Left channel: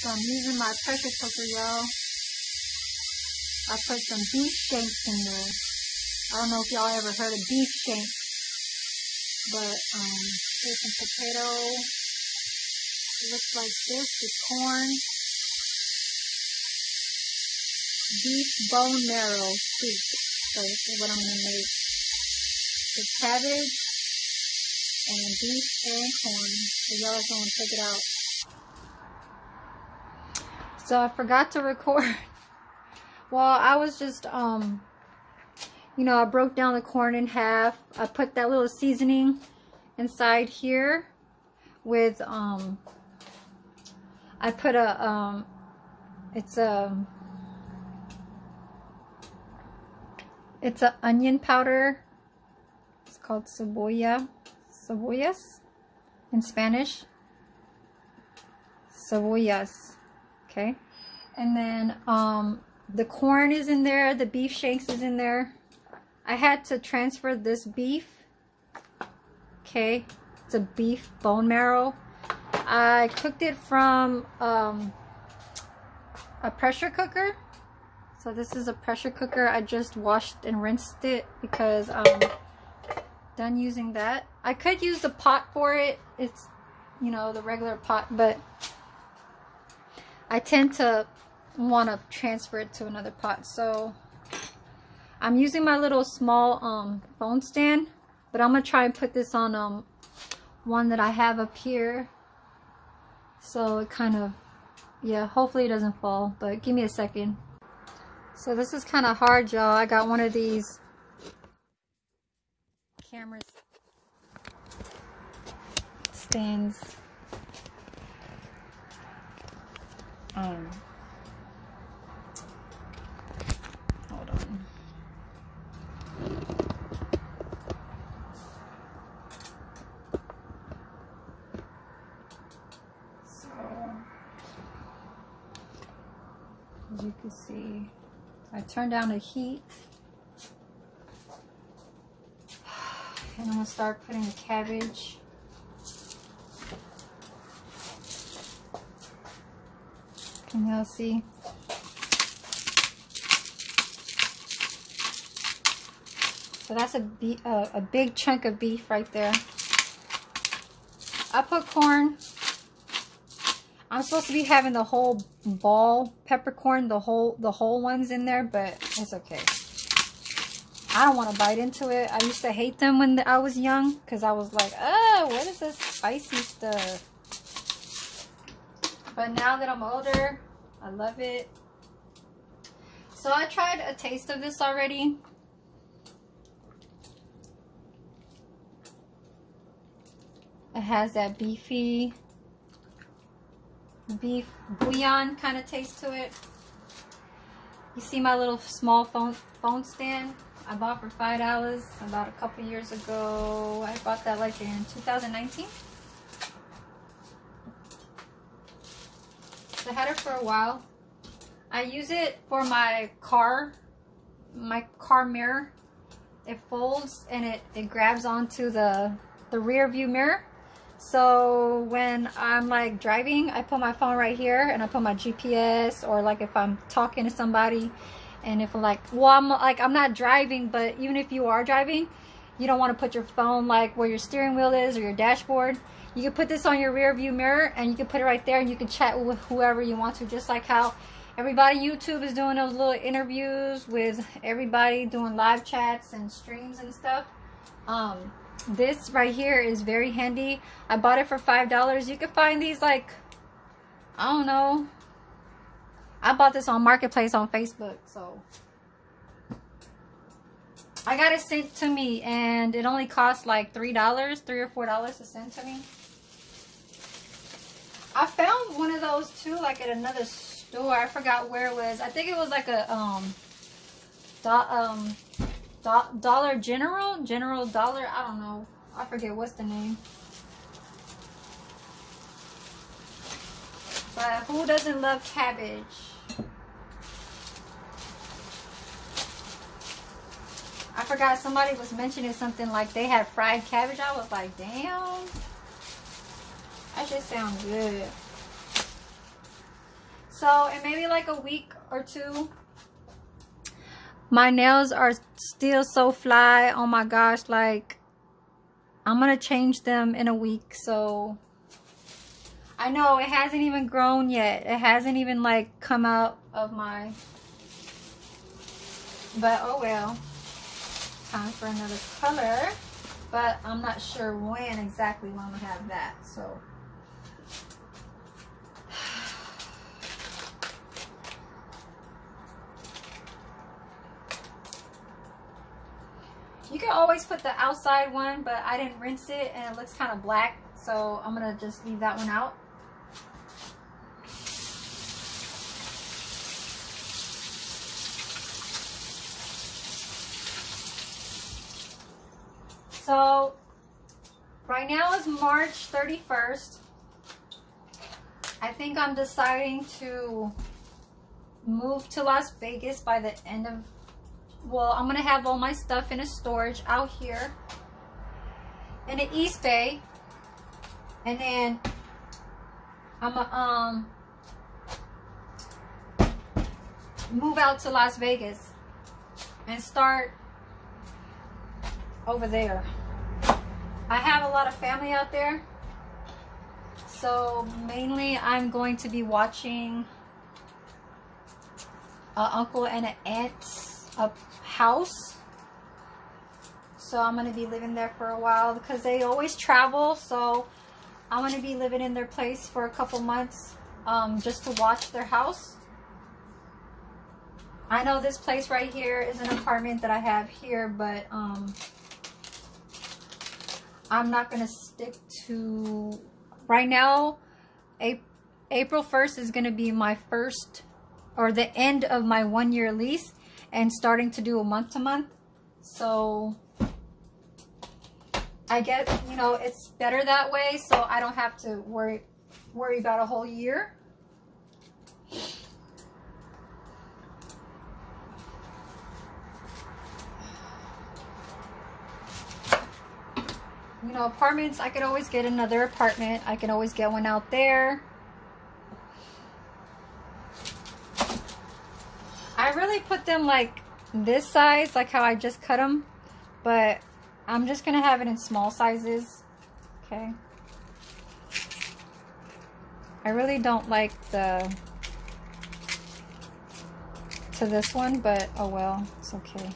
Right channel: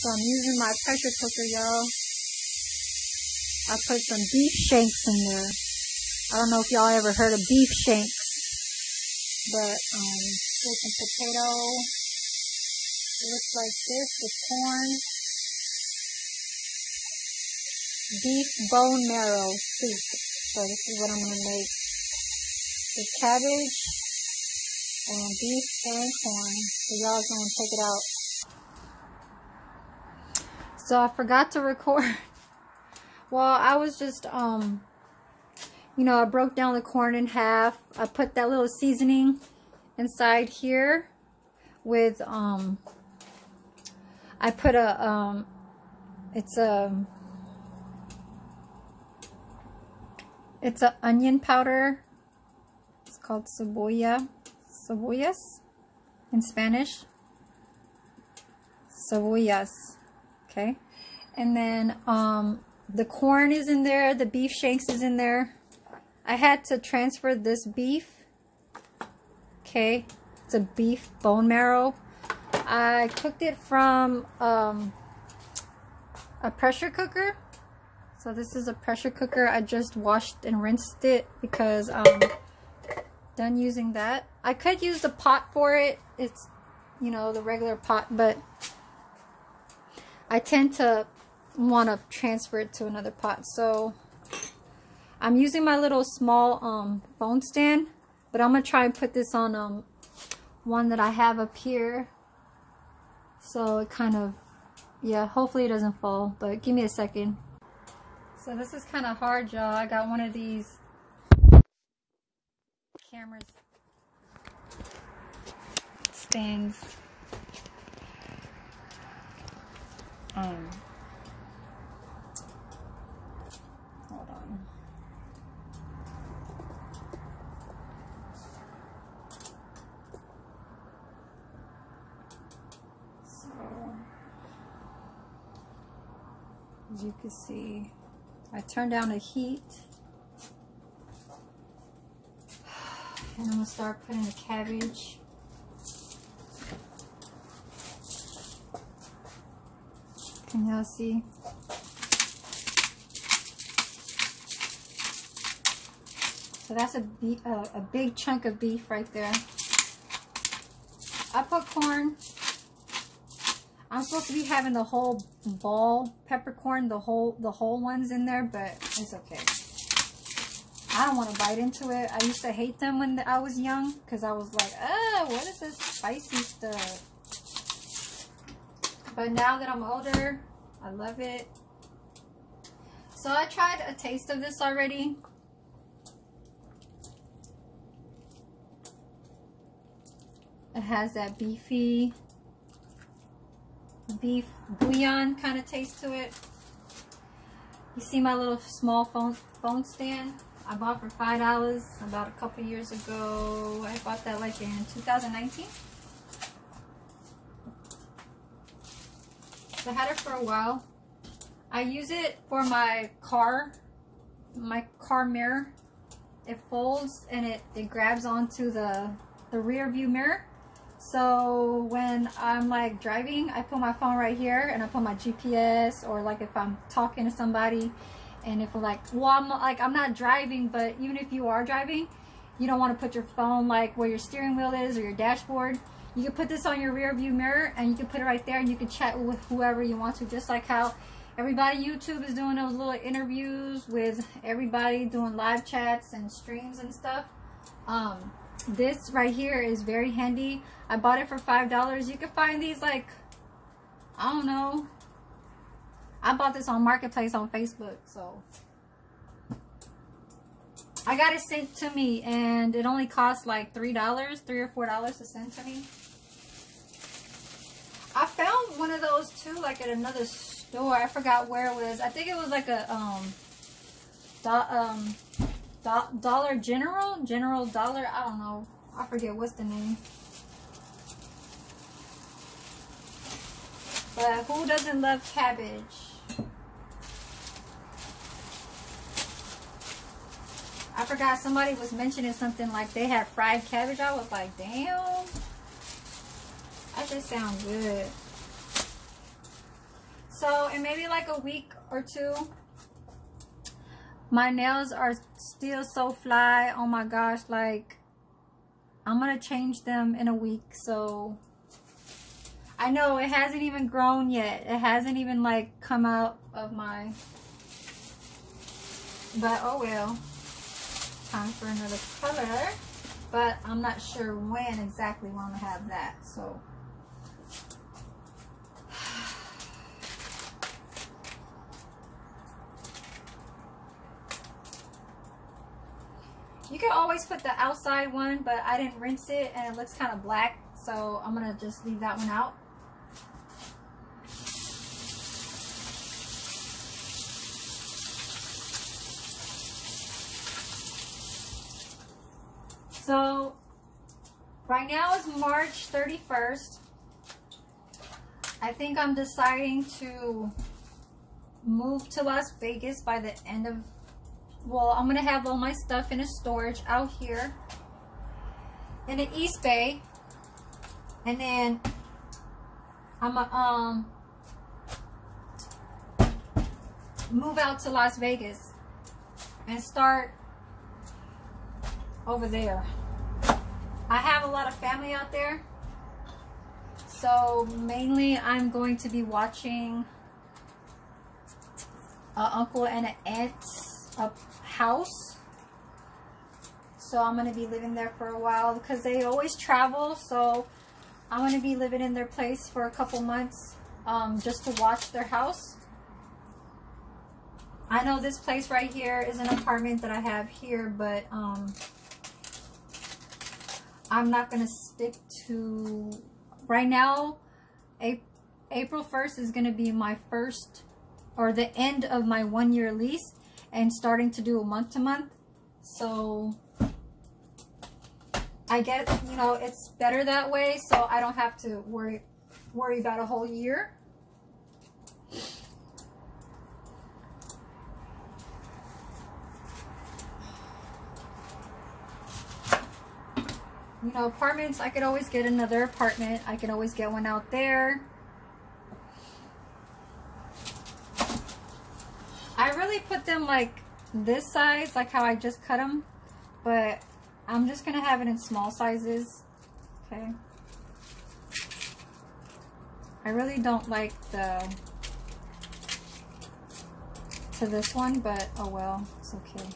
So I'm using my pressure cooker, y'all. I put some beef shanks in there. I don't know if y'all ever heard of beef shanks, but there's some potato. It looks like this with corn. Beef bone marrow soup. So this is what I'm gonna make. The cabbage and beef and corn. So y'all gonna check it out. So I forgot to record. Well, I was just you know, I broke down the corn in half. I put that little seasoning inside here with I put a it's a onion powder. It's called cebollas in Spanish. Cebollas. Okay. And then the corn is in there, the beef shanks is in there. I had to transfer this beef. Okay. It's a beef bone marrow. I cooked it from a pressure cooker. So this is a pressure cooker. I just washed and rinsed it because I'm done using that. I could use the pot for it. It's, you know, the regular pot, but I tend to want to transfer it to another pot. So I'm using my little small phone stand, but I'm going to try and put this on one that I have up here. So it kind of, yeah, hopefully it doesn't fall, but give me a second. So this is kind of hard, y'all. I got one of these cameras stands. Hold on. So, as you can see, I turned down the heat. And I'm gonna start putting the cabbage. Can y'all see? So that's a big chunk of beef right there. I put corn. I'm supposed to be having the whole ball peppercorn, the whole ones in there, but it's okay. I don't want to bite into it. I used to hate them when I was young because I was like, oh, what is this spicy stuff? But now that I'm older, I love it. So I tried a taste of this already. It has that beefy beef bouillon kind of taste to it. You see my little small phone stand I bought for $5 about a couple years ago. I bought that like in 2019. So I had it for a while. I use it for my car mirror. It folds and it grabs onto the rear view mirror. So when I'm like driving, I put my phone right here and I put my GPS, or like if I'm talking to somebody, and if I'm like, well, I'm not driving, but even if you are driving, you don't want to put your phone like where your steering wheel is or your dashboard. You can put this on your rear view mirror and you can put it right there and you can chat with whoever you want to, just like how everybody YouTube is doing those little interviews with everybody, doing live chats and streams and stuff. This right here is very handy. I bought it for $5. You can find these like, I don't know. I bought this on Marketplace on Facebook, so I got it sent to me and it only cost like $3 or $4 to send to me. I found one of those too, like at another store. I forgot where it was. I think it was like a Dollar General Dollar. I don't know. I forget what's the name. But who doesn't love cabbage? I forgot somebody was mentioning something like they had fried cabbage. I was like, damn. That just sounds good. So in maybe like a week or two, my nails are still so fly. Oh my gosh, like I'm gonna change them in a week. So I know it hasn't even grown yet. It hasn't even like come out of my, but oh well. Time for another color, but I'm not sure when exactly when I'm gonna have that. So you can always put the outside one, but I didn't rinse it and it looks kind of black, so I'm gonna just leave that one out. So right now is March 31st. I think I'm deciding to move to Las Vegas by the end of, well, I'm gonna have all my stuff in a storage out here in the East Bay, and then I'm gonna move out to Las Vegas and start over there. I have a lot of family out there, so mainly I'm going to be watching an uncle and an aunt's house. So I'm going to be living there for a while because they always travel, so I want to be living in their place for a couple months, just to watch their house. I know this place right here is an apartment that I have here, but I'm not going to stick to, right now, April 1st is going to be my first, or the end of my 1-year lease, and starting to do a month-to-month. So I get, you know, it's better that way, so I don't have to worry about a whole year. You know, apartments, I could always get another apartment. I could always get one out there. I really put them like this size, like how I just cut them, but I'm just gonna have it in small sizes. Okay. I really don't like to this one, but oh well, it's okay.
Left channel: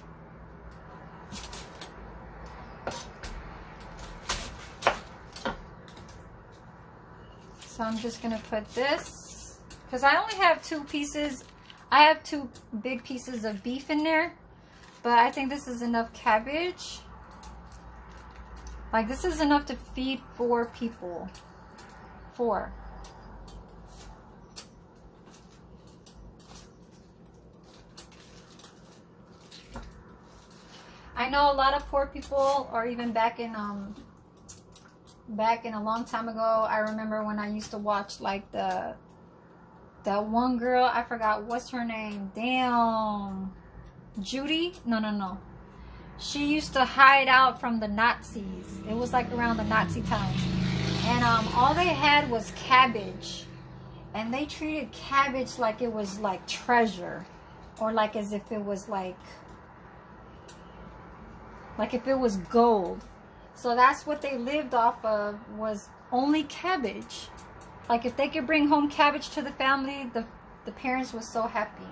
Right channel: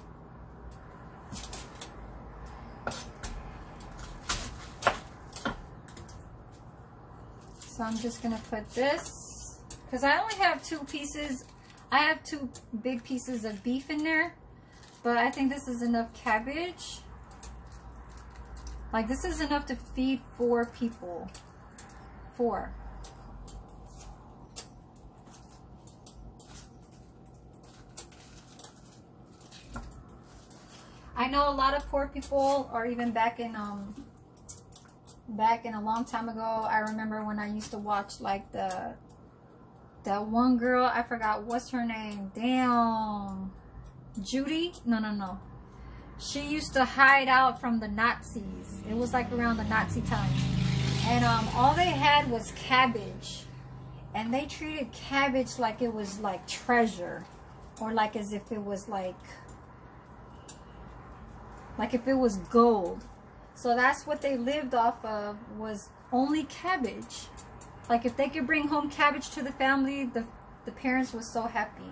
So I'm just gonna put this, because I only have 2 pieces. I have 2 big pieces of beef in there, but I think this is enough cabbage. Like, this is enough to feed 4 people. 4. I know a lot of poor people, or even back in a long time ago, I remember when I used to watch like that one girl, I forgot what's her name. Damn, Judy? No. She used to hide out from the Nazis. It was like around the Nazi times, and all they had was cabbage, and they treated cabbage like it was like treasure, or like as if it was like if it was gold. So that's what they lived off of, was only cabbage. Like, if they could bring home cabbage to the family, the parents were so happy.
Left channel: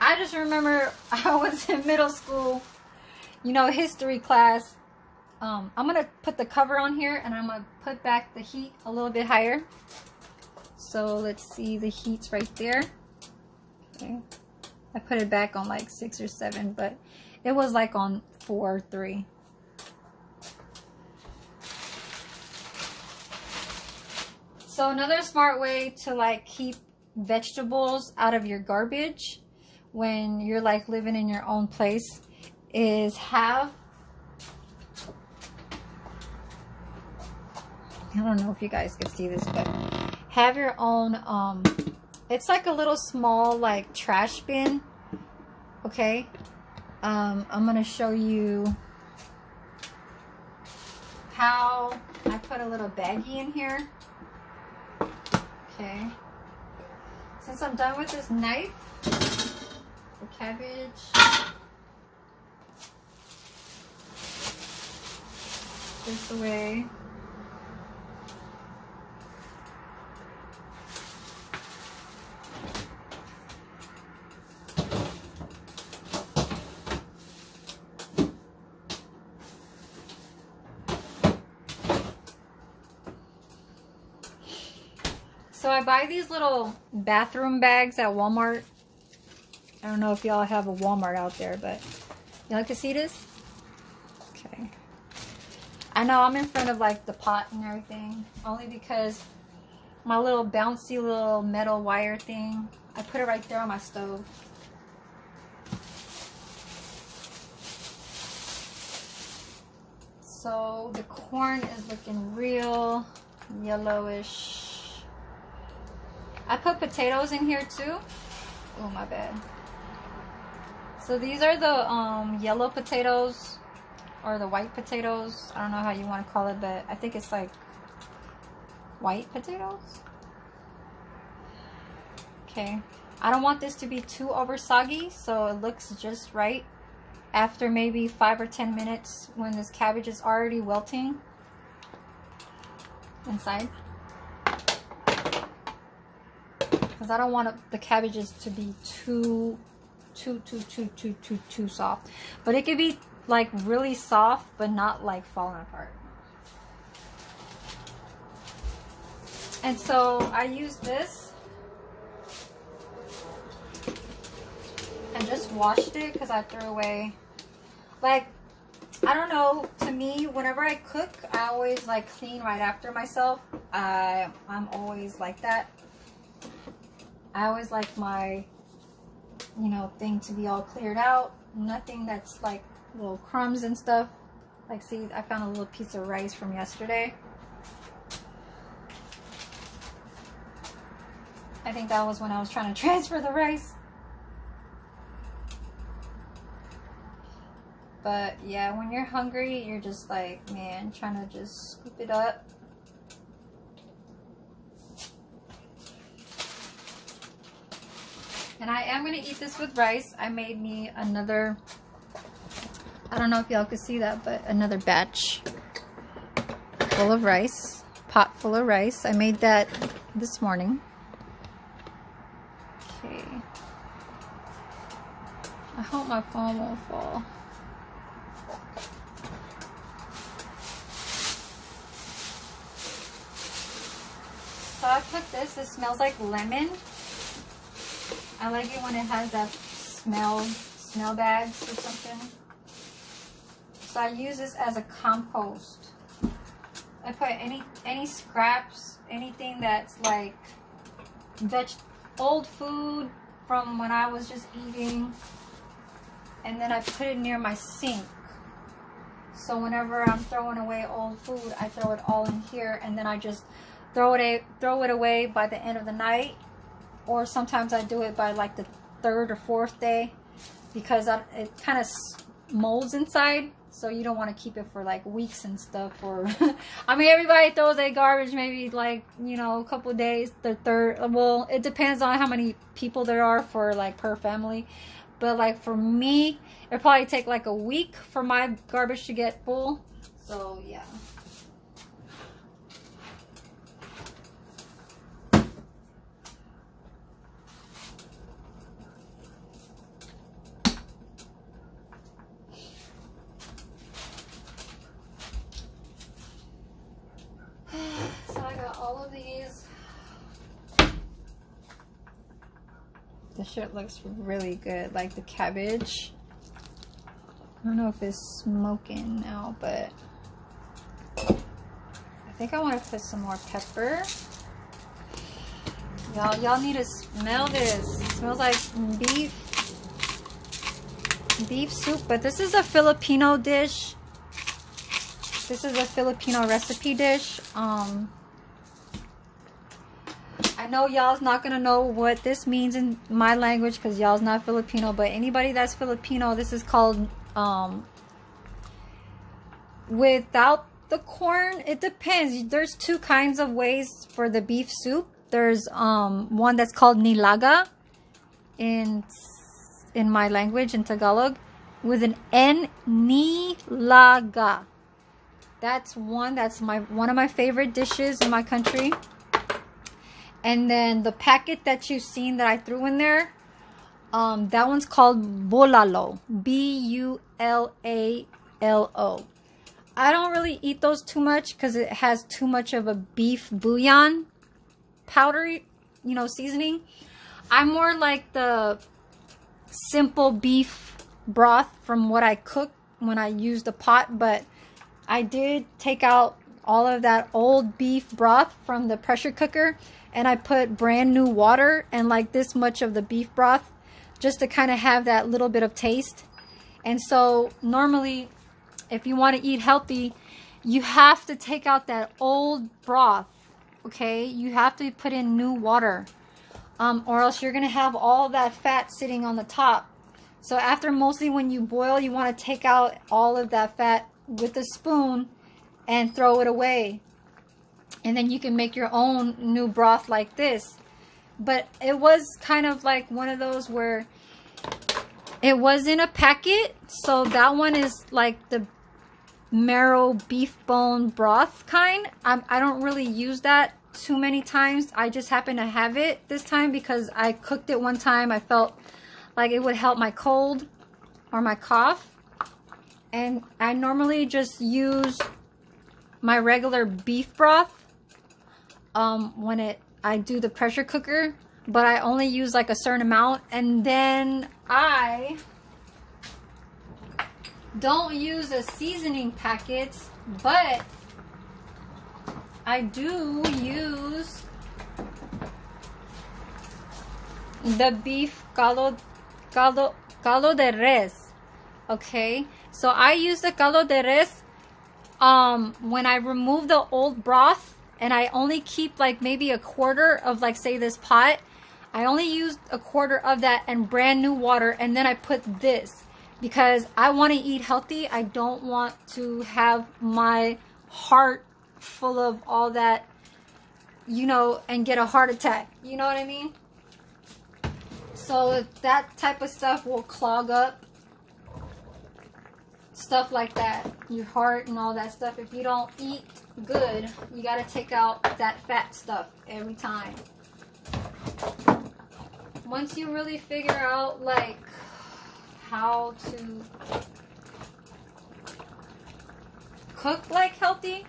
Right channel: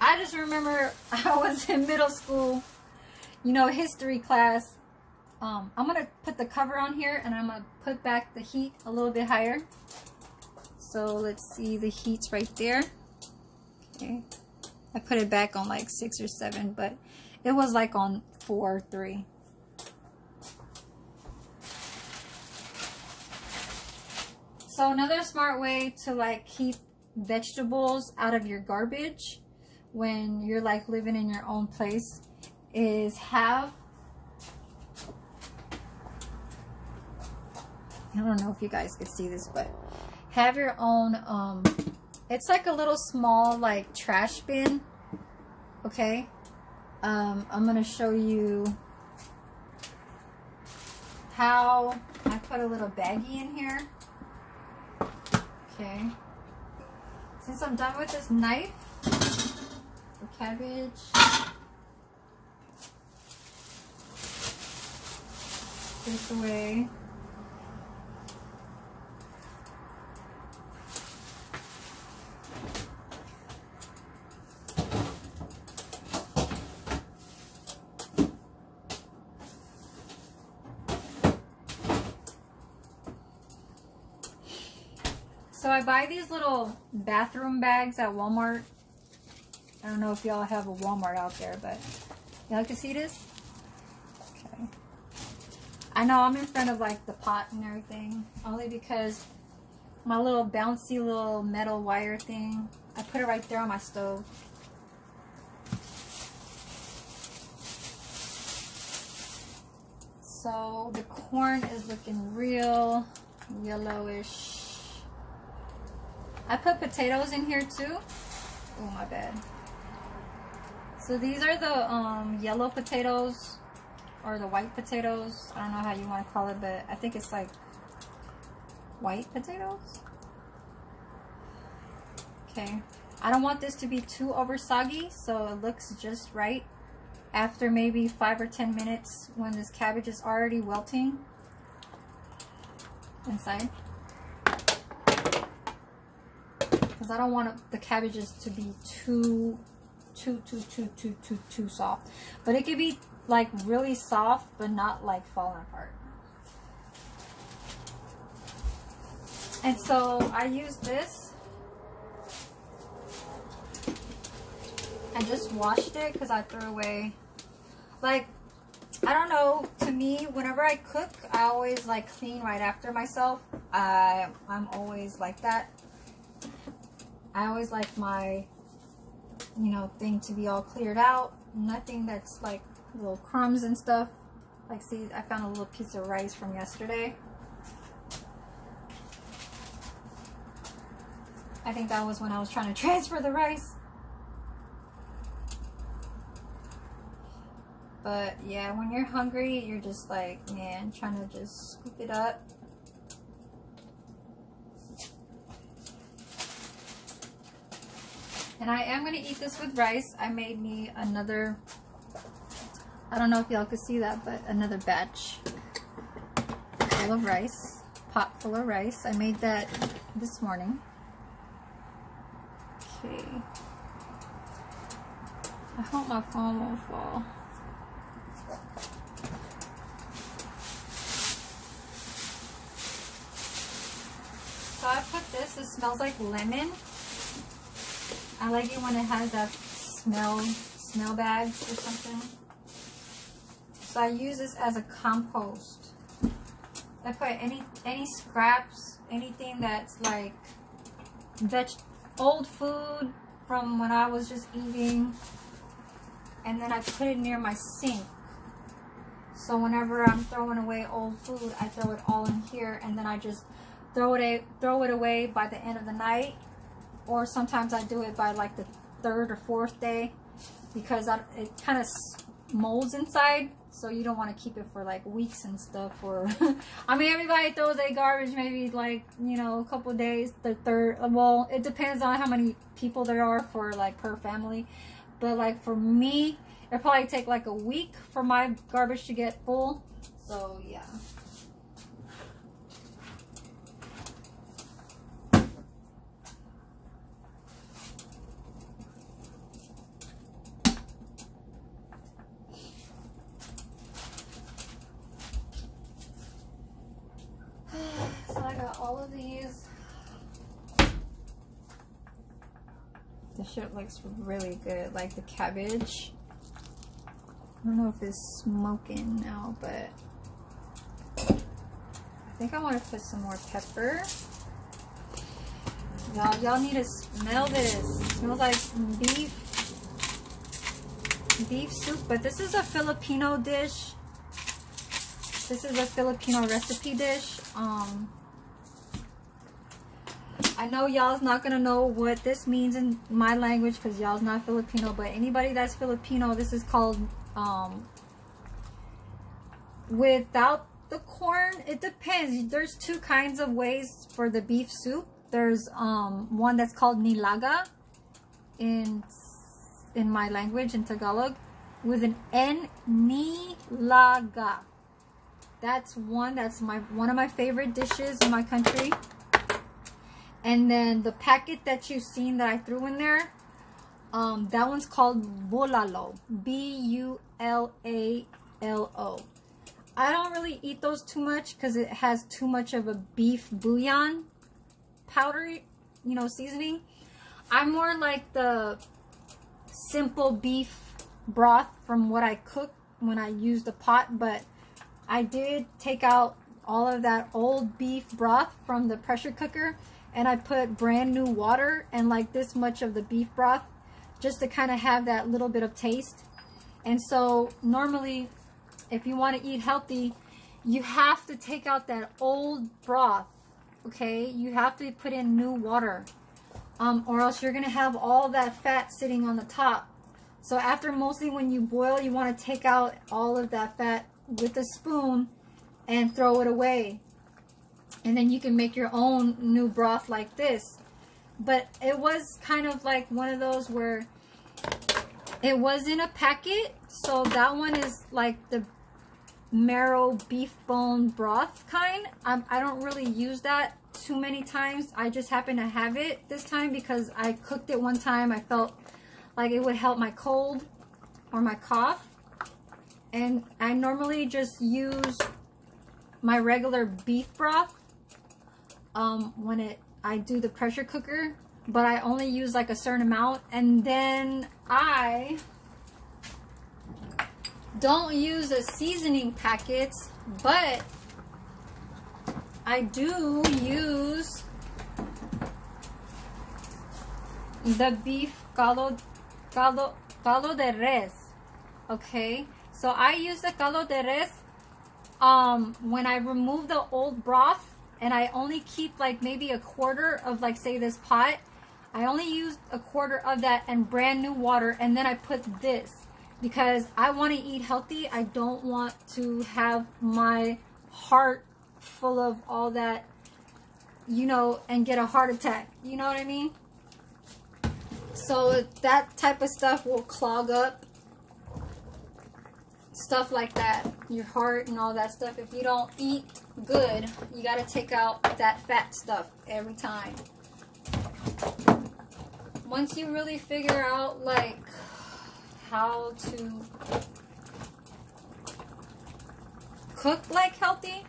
I just remember I was in middle school, you know, history class. I'm going to put the cover on here, and I'm going to put back the heat a little bit higher. So let's see, the heat's right there. Okay. I put it back on like 6 or 7, but it was like on 4 or 3. So another smart way to like keep vegetables out of your garbage when you're like living in your own place is have, I don't know if you guys can see this, but have your own, it's like a little small like trash bin. Okay. I'm going to show you how I put a little baggie in here. Okay. Since I'm done with this knife, the cabbage. This away. So I buy these little bathroom bags at Walmart. I don't know if y'all have a Walmart out there, but y'all can see this? Okay. I know I'm in front of like the pot and everything, only because my little bouncy little metal wire thing, I put it right there on my stove. So the corn is looking real yellowish. I put potatoes in here too. Oh, my bad. So these are the yellow potatoes, or the white potatoes. I don't know how you want to call it, but I think it's like white potatoes. Okay. I don't want this to be too over soggy, so it looks just right after maybe 5 or 10 minutes when this cabbage is already wilting inside. Because I don't want the cabbages to be too soft. But it could be like really soft, but not like falling apart. And so I use this and just washed it because I threw away, like, I don't know, to me, whenever I cook, I always like clean right after myself. I'm always like that. I always like my, you know, thing to be all cleared out. Nothing that's like little crumbs and stuff. Like, see, I found a little piece of rice from yesterday. I think that was when I was trying to transfer the rice. But yeah, when you're hungry, you're just like, man, trying to just scoop it up. And I am going to eat this with rice. I made me another, I don't know if y'all could see that, but another batch full of rice. Pot full of rice. I made that this morning. Okay. I hope my phone won't fall. So I put this. It smells like lemon. I like it when it has that smell bags or something. So I use this as a compost. I put any scraps, anything that's like old food from when I was just eating, and then I put it near my sink. So whenever I'm throwing away old food, I throw it all in here, and then I just throw it away by the end of the night. Or sometimes I do it by like the 3rd or 4th day, because it kind of molds inside, so you don't want to keep it for like weeks and stuff. Or I mean, everybody throws their garbage maybe like, you know, a couple of days. The third, well, it depends on how many people there are for like per family, but like for me, it'll probably take like a week for my garbage to get full. So yeah. So I got all of these. This shit looks really good, like the cabbage. I don't know if it's smoking now, but I think I want to put some more pepper. Y'all need to smell this. It smells like beef soup, but this is a Filipino dish. This is a Filipino recipe dish. I know y'all's not gonna know what this means in my language because y'all's not Filipino, but anybody that's Filipino, this is called without the corn. It depends. There's 2 kinds of ways for the beef soup. There's one that's called nilaga in my language, in Tagalog, with an N, nilaga. That's one of my favorite dishes in my country. And then the packet that you've seen that I threw in there, that one's called bulalo, B-U-L-A-L-O. I don't really eat those too much because it has too much of a beef bouillon powder, you know, seasoning. I'm more like the simple beef broth from what I cook when I use the pot, but I did take out all of that old beef broth from the pressure cooker, and I put brand new water and like this much of the beef broth just to kind of have that little bit of taste. And so normally, if you want to eat healthy, you have to take out that old broth, okay? You have to put in new water, or else you're going to have all that fat sitting on the top. So after, mostly when you boil, you want to take out all of that fat with a spoon and throw it away. And then you can make your own new broth like this. But it was kind of like one of those where it was in a packet. So that one is like the marrow beef bone broth kind. I don't really use that too many times. I just happen to have it this time because I cooked it one time. I felt like it would help my cold or my cough. And I normally just use my regular beef broth when I do the pressure cooker, but I only use like a certain amount. And then I don't use the seasoning packets, but I do use the beef caldo de res. Okay, so I use the caldo de res when I remove the old broth, and I only keep like maybe a quarter of, like, say this pot. I only use a quarter of that and brand new water, and then I put this because I want to eat healthy. I don't want to have my heart full of all that, you know, and get a heart attack. You know what I mean? So that type of stuff will clog up stuff like that, your heart and all that stuff. If you don't eat good, you got to take out that fat stuff every time. Once you really figure out like how to cook like healthy,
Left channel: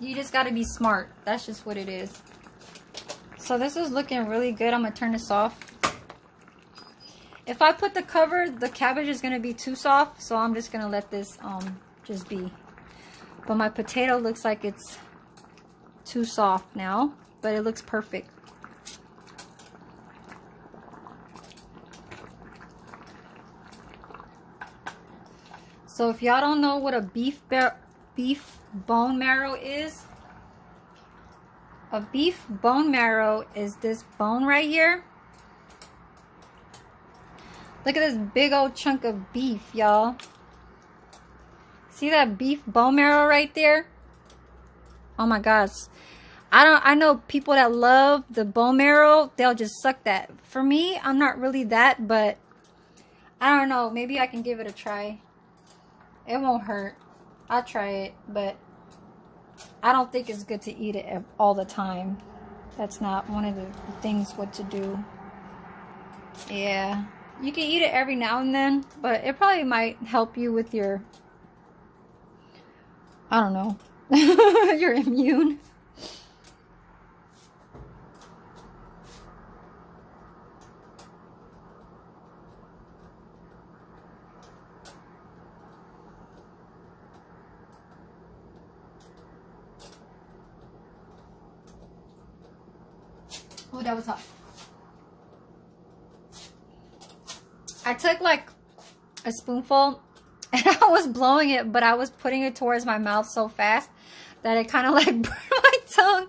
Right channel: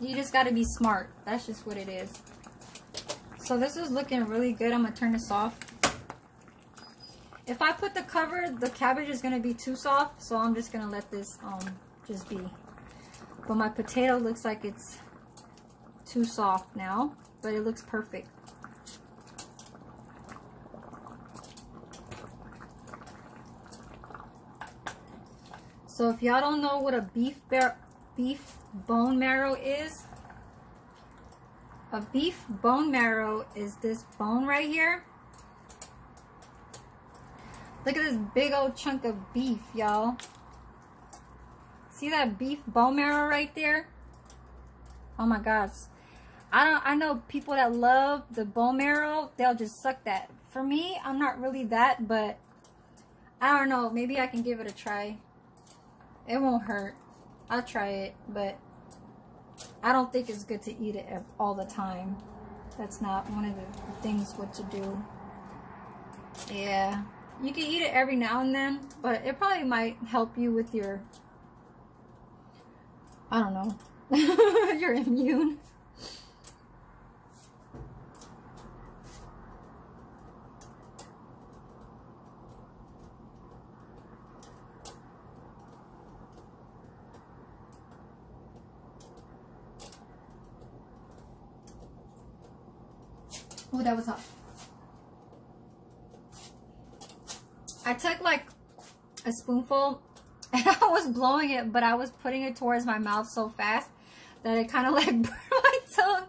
you just got to be smart. That's just what it is. So this is looking really good. I'm gonna turn this off. If I put the cover, the cabbage is going to be too soft, so I'm just going to let this just be. But my potato looks like it's too soft now, but it looks perfect. So if y'all don't know what a beef bone marrow is, a beef bone marrow is this bone right here. Look at this big old chunk of beef, y'all. See that beef bone marrow right there? Oh my gosh. I know people that love the bone marrow, they'll just suck that. For me, I'm not really that, but I don't know. Maybe I can give it a try. It won't hurt. I'll try it, but I don't think it's good to eat it all the time. That's not one of the things what to do. Yeah. You can eat it every now and then, but it probably might help you with your, I don't know, your immune. Oh, that was hot. I took like a spoonful and I was blowing it, but I was putting it towards my mouth so fast that it kind of like burned my tongue.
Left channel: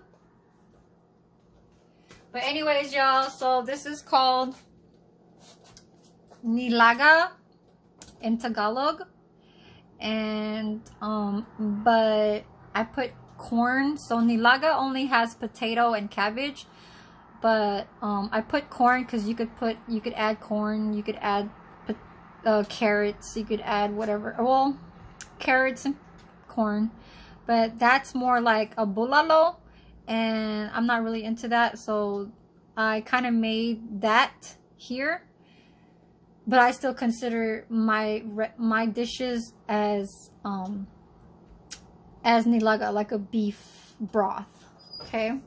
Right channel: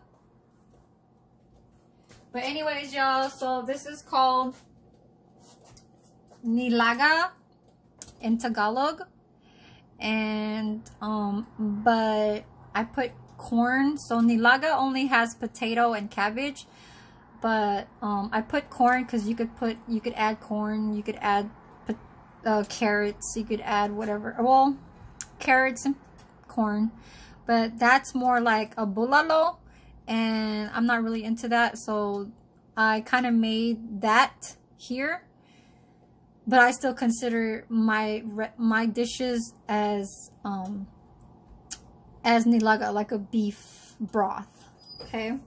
But anyways, y'all, so this is called nilaga in Tagalog. And but I put corn, so nilaga only has potato and cabbage. but I put corn because you could add corn, you could add carrots, you could add whatever, well, carrots and corn, but that's more like a bulalo, and I'm not really into that, so I kind of made that here. But I still consider my dishes as nilaga, like a beef broth. Okay.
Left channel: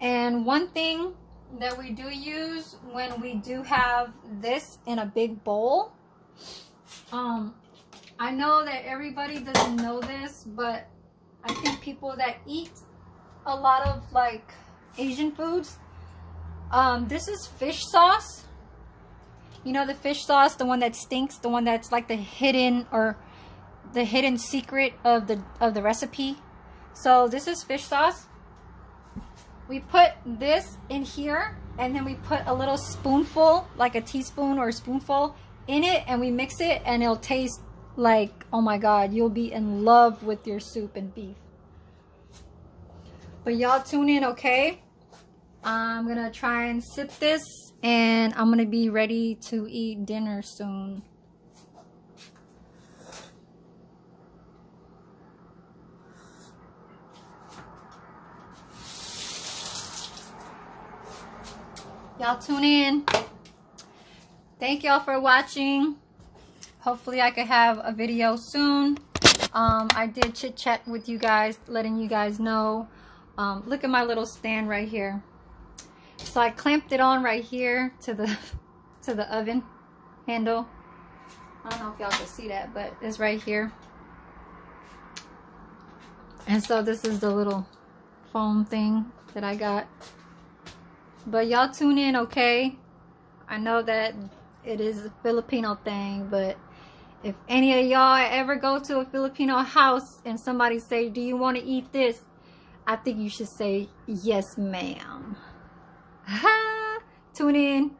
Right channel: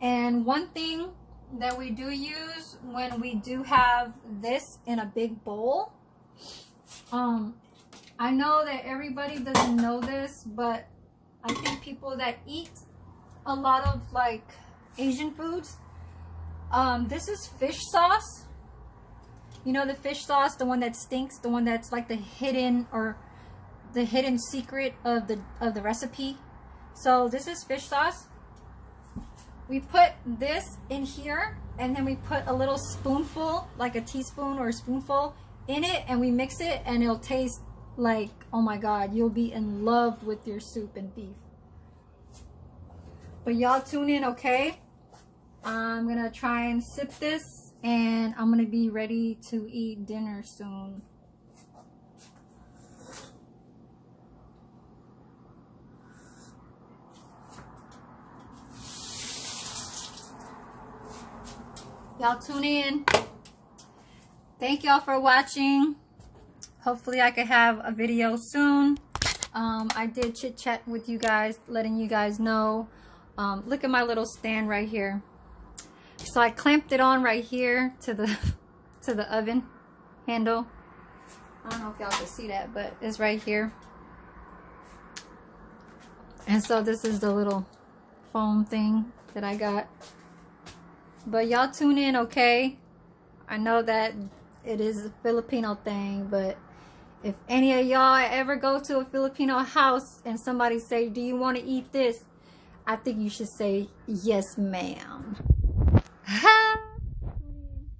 And one thing that we do use when we do have this in a big bowl, I know that everybody doesn't know this, but I think people that eat a lot of like Asian foods, this is fish sauce. You know, the fish sauce, the one that stinks, the one that's like the hidden secret of the recipe. So this is fish sauce. We put this in here, and then we put a little spoonful, like a teaspoon or a spoonful in it, and we mix it, and it'll taste like, oh my god, you'll be in love with your soup and beef. But y'all tune in, okay? I'm gonna try and sip this, and I'm gonna be ready to eat dinner soon. Y'all tune in. Thank y'all for watching. Hopefully I could have a video soon. I did chit chat with you guys, letting you guys know. Look at my little stand right here. So I clamped it on right here to the oven handle. I don't know if y'all can see that, but it's right here. And so this is the little foam thing that I got. But y'all tune in, okay? I know that it is a Filipino thing, but if any of y'all ever go to a Filipino house and somebody say, do you want to eat this? I think you should say, yes, ma'am. Tune in.